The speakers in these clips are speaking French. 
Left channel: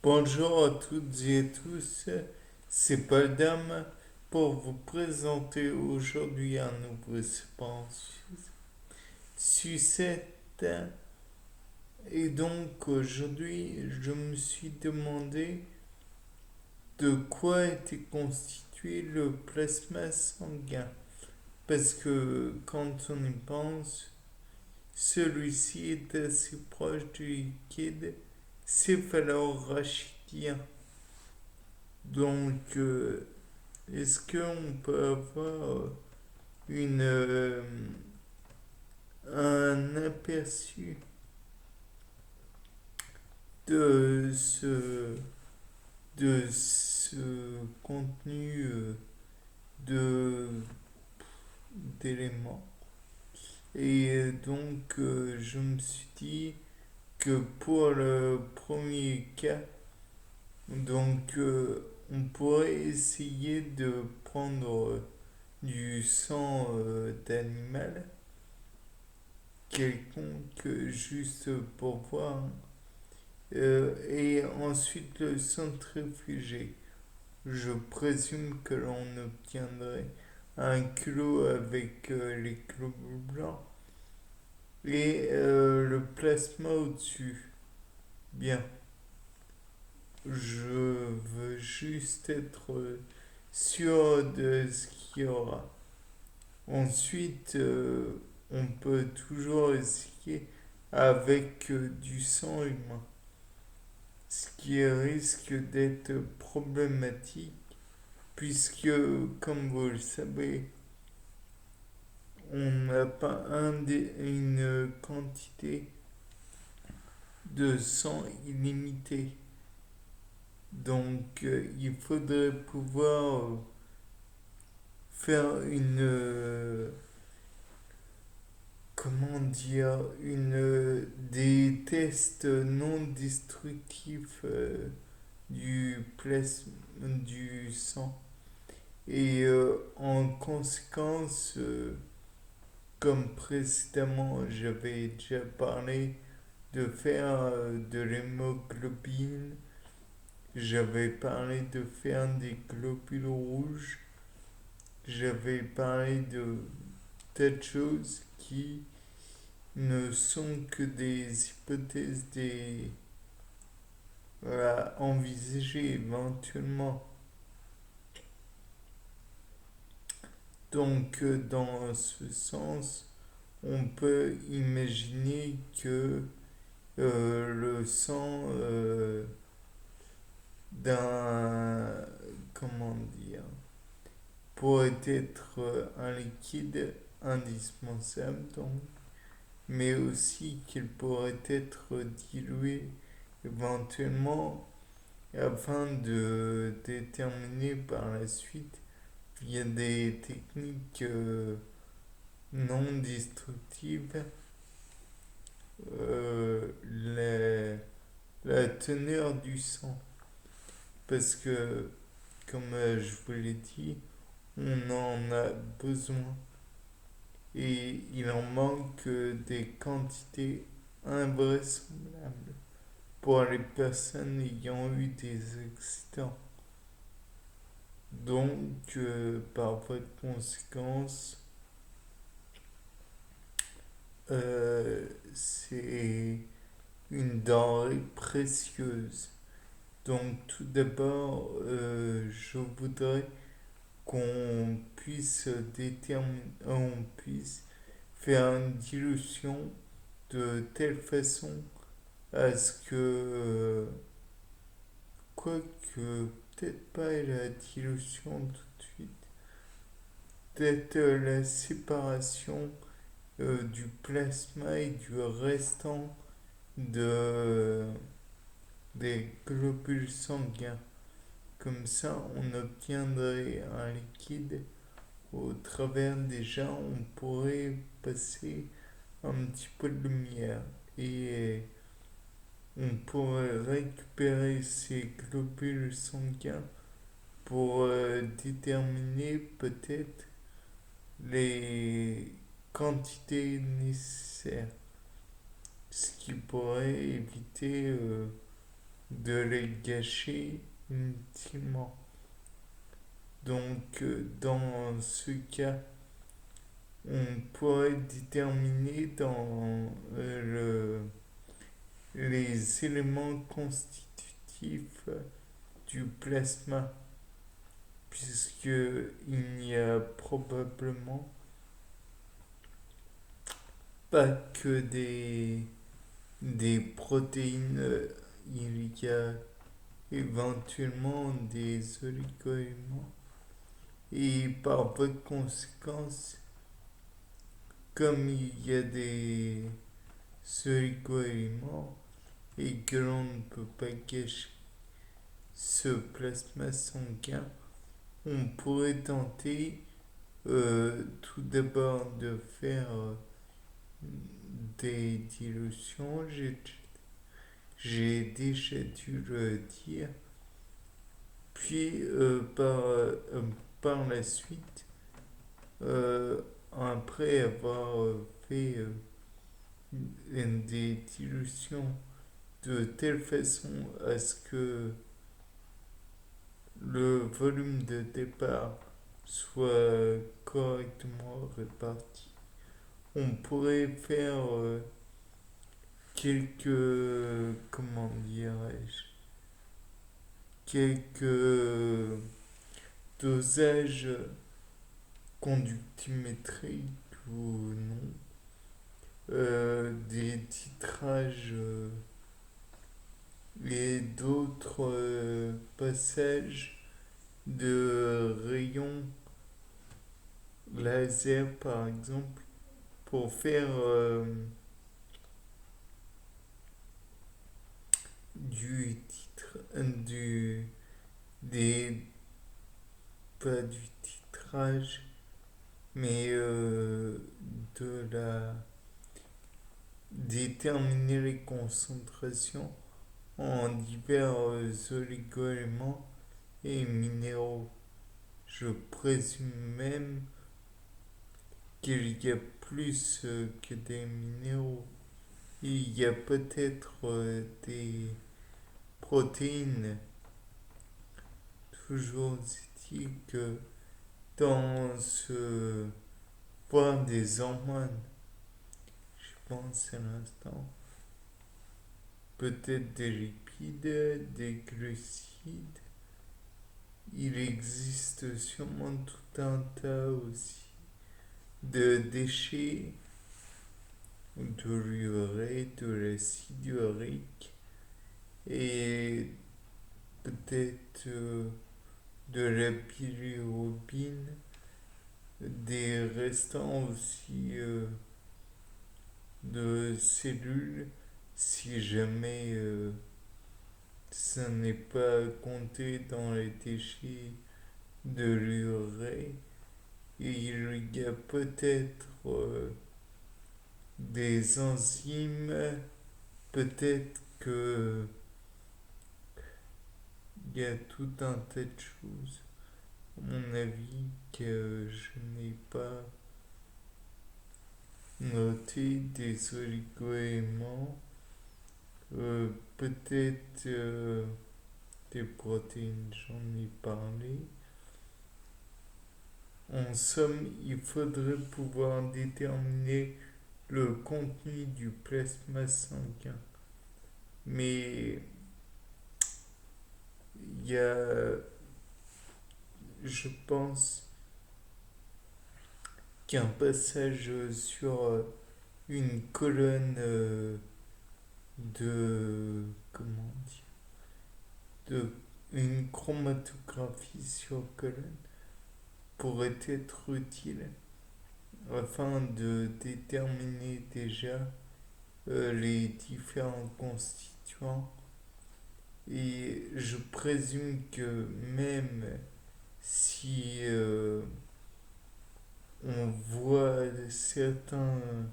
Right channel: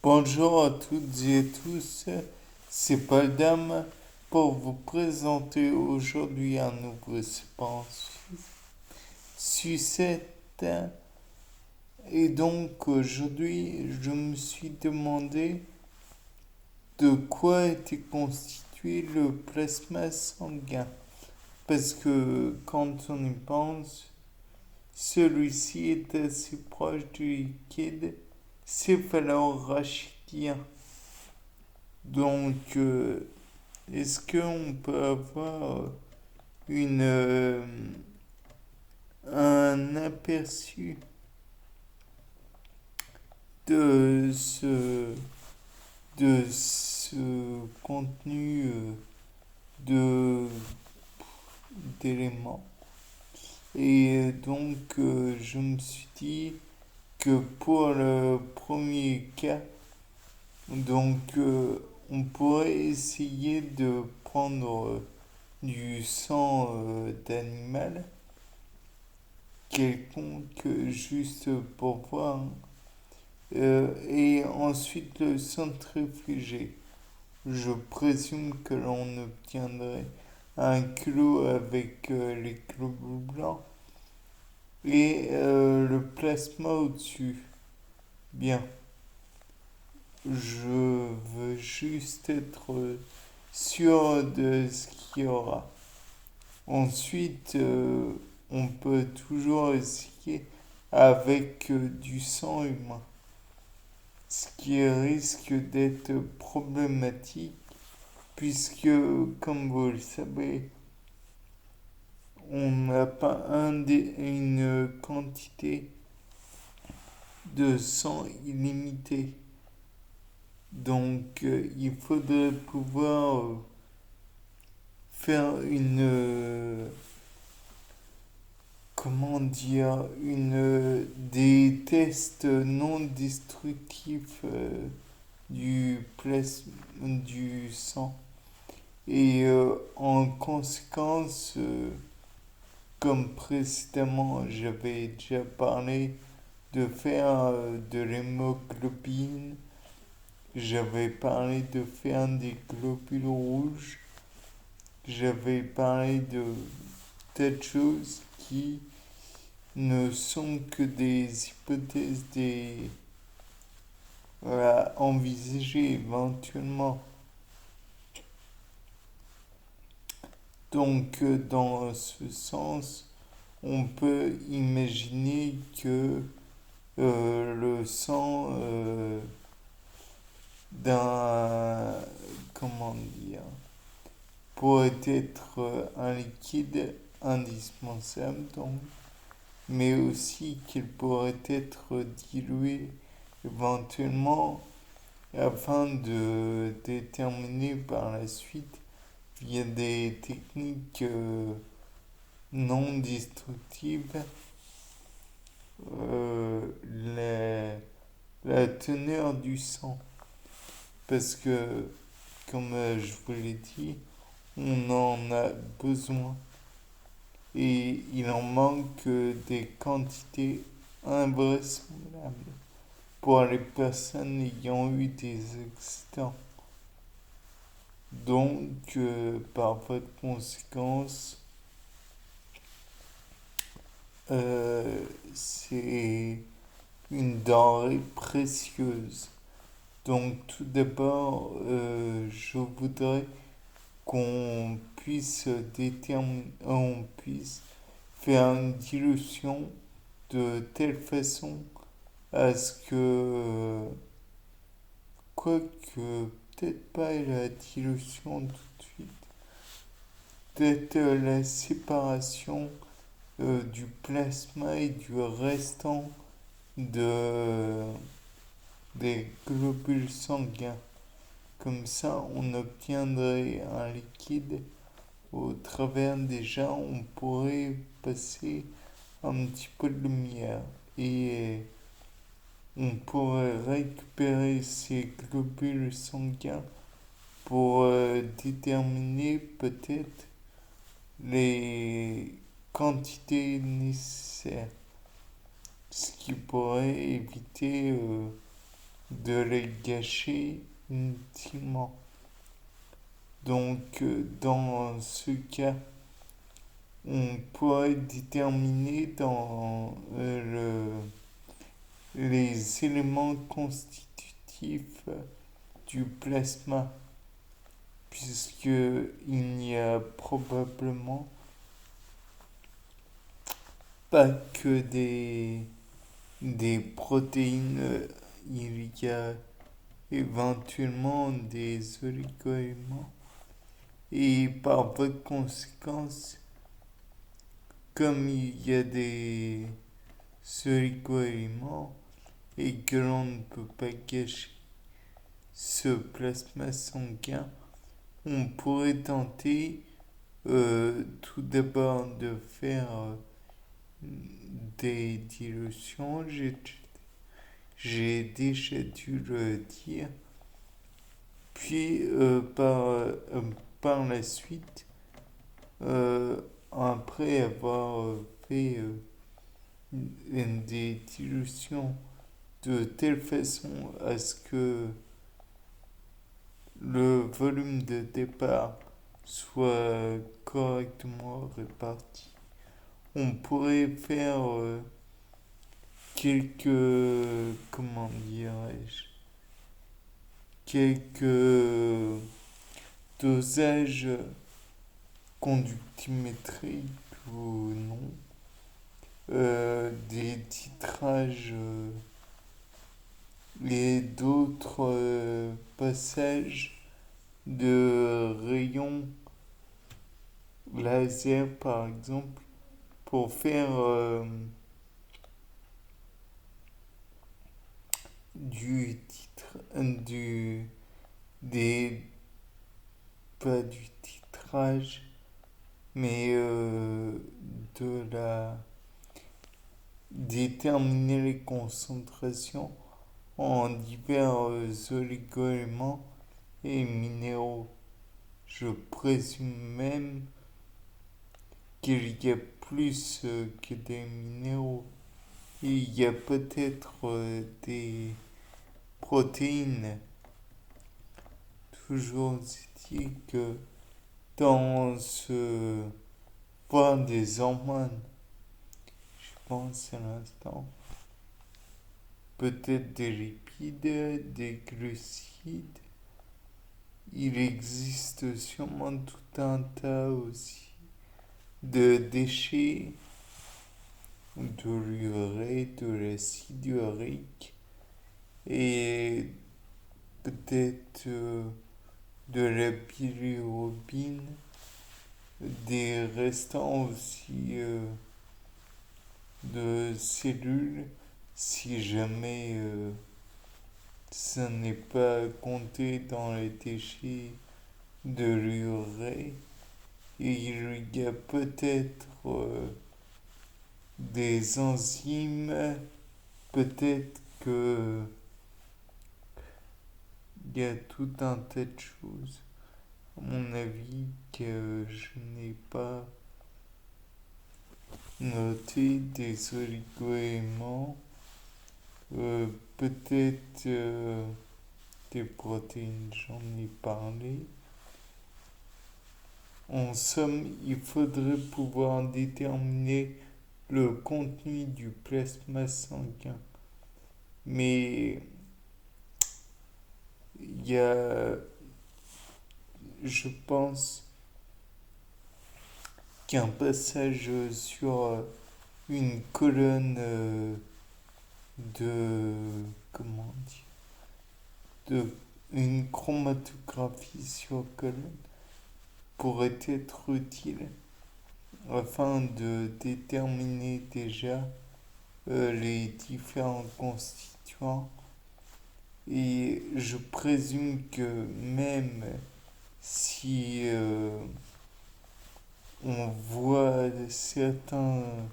Bonjour à toutes et à tous, c'est Paul Dame pour vous présenter aujourd'hui un nouveau sport sucette. Et donc aujourd'hui, je me suis demandé de quoi était constitué le plasma sanguin. Parce que quand on y pense, celui-ci est assez proche du liquide céphalorachidien. Donc, est-ce qu'on peut avoir un aperçu de ce contenu de, d'éléments? Et donc, je me suis dit que pour le premier cas, donc, on pourrait essayer de prendre du sang d'animal quelconque juste pour voir et ensuite le centrifuger. Je présume que l'on obtiendrait un kilo avec les globules blancs et le plasma au-dessus. Bien, je veux juste être sûr de ce qu'il y aura. Ensuite, on peut toujours essayer avec du sang humain, ce qui risque d'être problématique puisque, comme vous le savez, on n'a pas une quantité de sang illimitée. Donc, il faudrait pouvoir faire comment dire, des tests non destructifs du sang. Et en conséquence, comme précédemment j'avais déjà parlé de faire de l'hémoglobine, j'avais parlé de faire des globules rouges, j'avais parlé de tas de choses qui ne sont que des hypothèses à envisager éventuellement. Donc, dans ce sens, on peut imaginer que le sang d'un, comment dire, pourrait être un liquide indispensable, donc, mais aussi qu'il pourrait être dilué éventuellement afin de déterminer par la suite via des techniques non destructives euh, la, la teneur du sang. Parce que, comme je vous l'ai dit, on en a besoin et il en manque des quantités invraisemblables pour les personnes ayant eu des accidents. Donc, par voie de conséquence, c'est une denrée précieuse. Donc, tout d'abord, je voudrais qu'on puisse déterminer, on puisse faire une dilution de telle façon à ce que, quoique peut-être pas la dilution tout de suite, peut-être la séparation du plasma et du restant de, des globules sanguins. Comme ça, on obtiendrait un liquide au travers déjà, on pourrait passer un petit peu de lumière et on pourrait récupérer ces globules sanguins pour déterminer peut-être les quantités nécessaires, ce qui pourrait éviter de les gâcher inutilement. Donc, dans ce cas, on pourrait déterminer dans les éléments constitutifs du plasma, puisqu'il n'y a probablement pas que des protéines, il y a éventuellement des oligo-éléments. Et par voie de conséquence, comme il y a des oligo-éléments et que l'on ne peut pas gâcher ce plasma sanguin, on pourrait tenter tout d'abord de faire des dilutions. J'ai déjà dû le dire. Puis par la suite, après avoir fait des dilutions de telle façon à ce que le volume de départ soit correctement réparti, on pourrait faire quelques, comment dirais-je, quelques dosages conductimétriques ou non, des titrages et d'autres passages de rayons laser par exemple pour faire du titre des pas du titrage mais de la déterminer les concentrations en divers oligo-éléments et minéraux. Je présume même qu'il y a plus que des minéraux. Il y a peut-être des protéines. Toujours dit que dans ce point des hormones, je pense à l'instant, peut-être des lipides, des glucides. Il existe sûrement tout un tas aussi de déchets, de l'urée, de l'acide urique et peut-être de la bilirubine, des restants aussi de cellules si jamais ça n'est pas compté dans les déchets de l'urée. Et il y a peut-être des enzymes, peut-être que il y a tout un tas de choses, à mon avis, que je n'ai pas noté, des oligo-éléments, peut-être des protéines, j'en ai parlé. En somme, il faudrait pouvoir déterminer le contenu du plasma sanguin. Mais il y a, je pense, qu'un passage sur une colonne de, comment dire, de une chromatographie sur colonne pourrait être utile afin de déterminer déjà les différents constituants. Et je présume que même si on voit certaines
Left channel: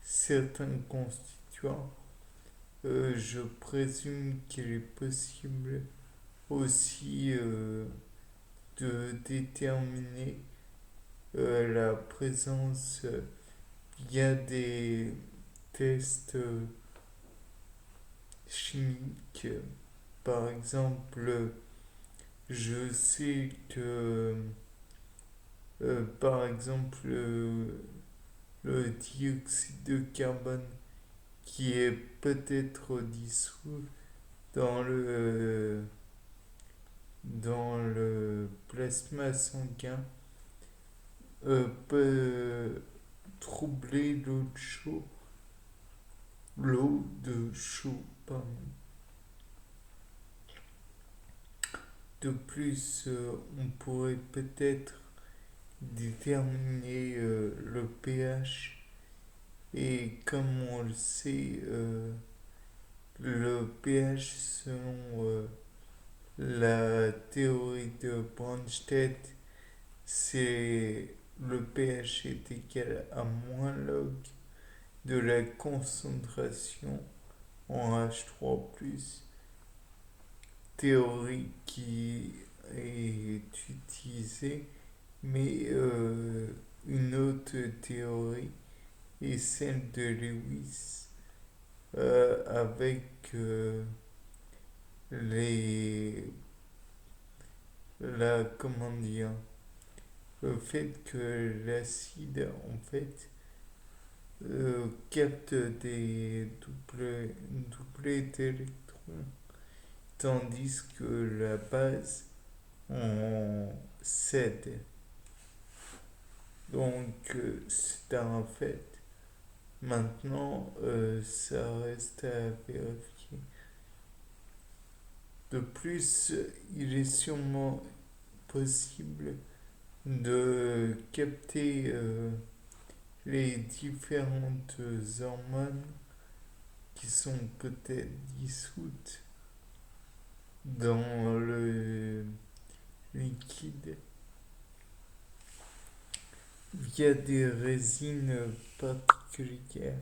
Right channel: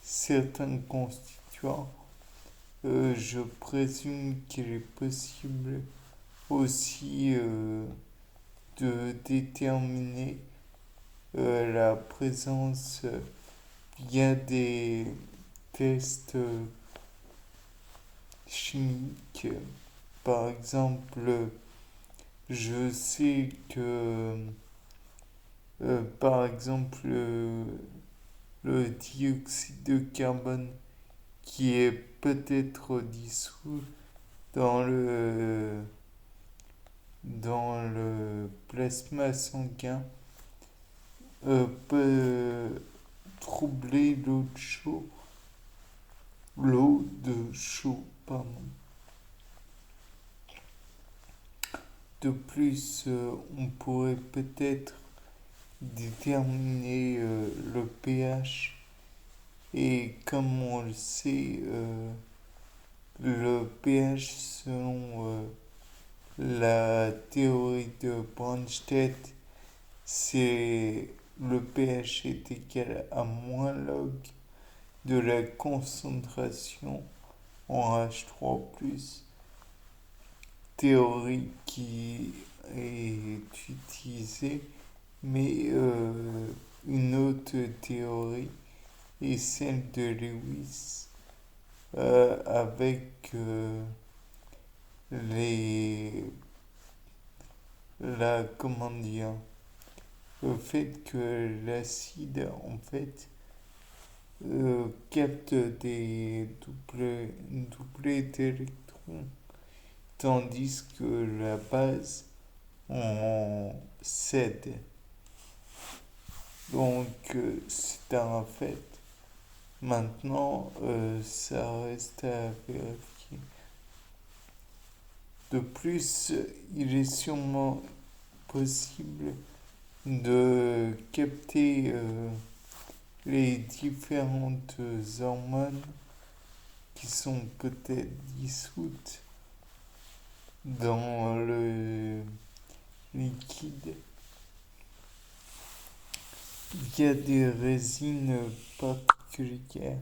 certains constituants, je présume qu'il est possible aussi de déterminer la présence il y a des tests chimiques. Par exemple, je sais que, par exemple, le dioxyde de carbone qui est peut-être dissous dans le plasma sanguin peut troubler l'eau de chaud, pardon. De plus, on pourrait peut-être déterminer le pH et comme on le sait, le pH selon la théorie de Bronsted, c'est le pH est égal à moins log de la concentration en H3+, théorie qui est utilisée, mais une autre théorie est celle de Lewis avec les comment dire, le fait que l'acide en fait capte des doublés d'électrons tandis que la base en cède. Donc c'est un fait. Maintenant, ça reste à vérifier. De plus, il est sûrement possible de capter les différentes hormones qui sont peut-être dissoutes dans le liquide. Il y a des résines particulières.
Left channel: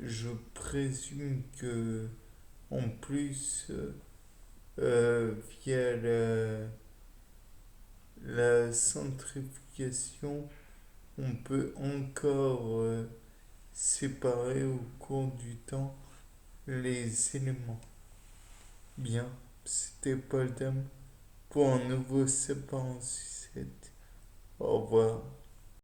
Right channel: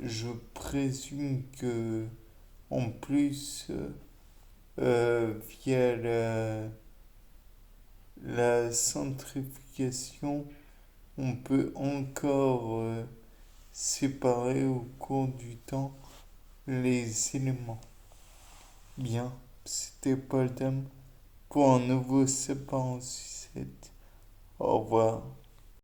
Je présume que en plus, via la centrifugation, on peut encore séparer au cours du temps les éléments. Bien, c'était Paul Dam pour un nouveau Sapin en sucette. Au revoir.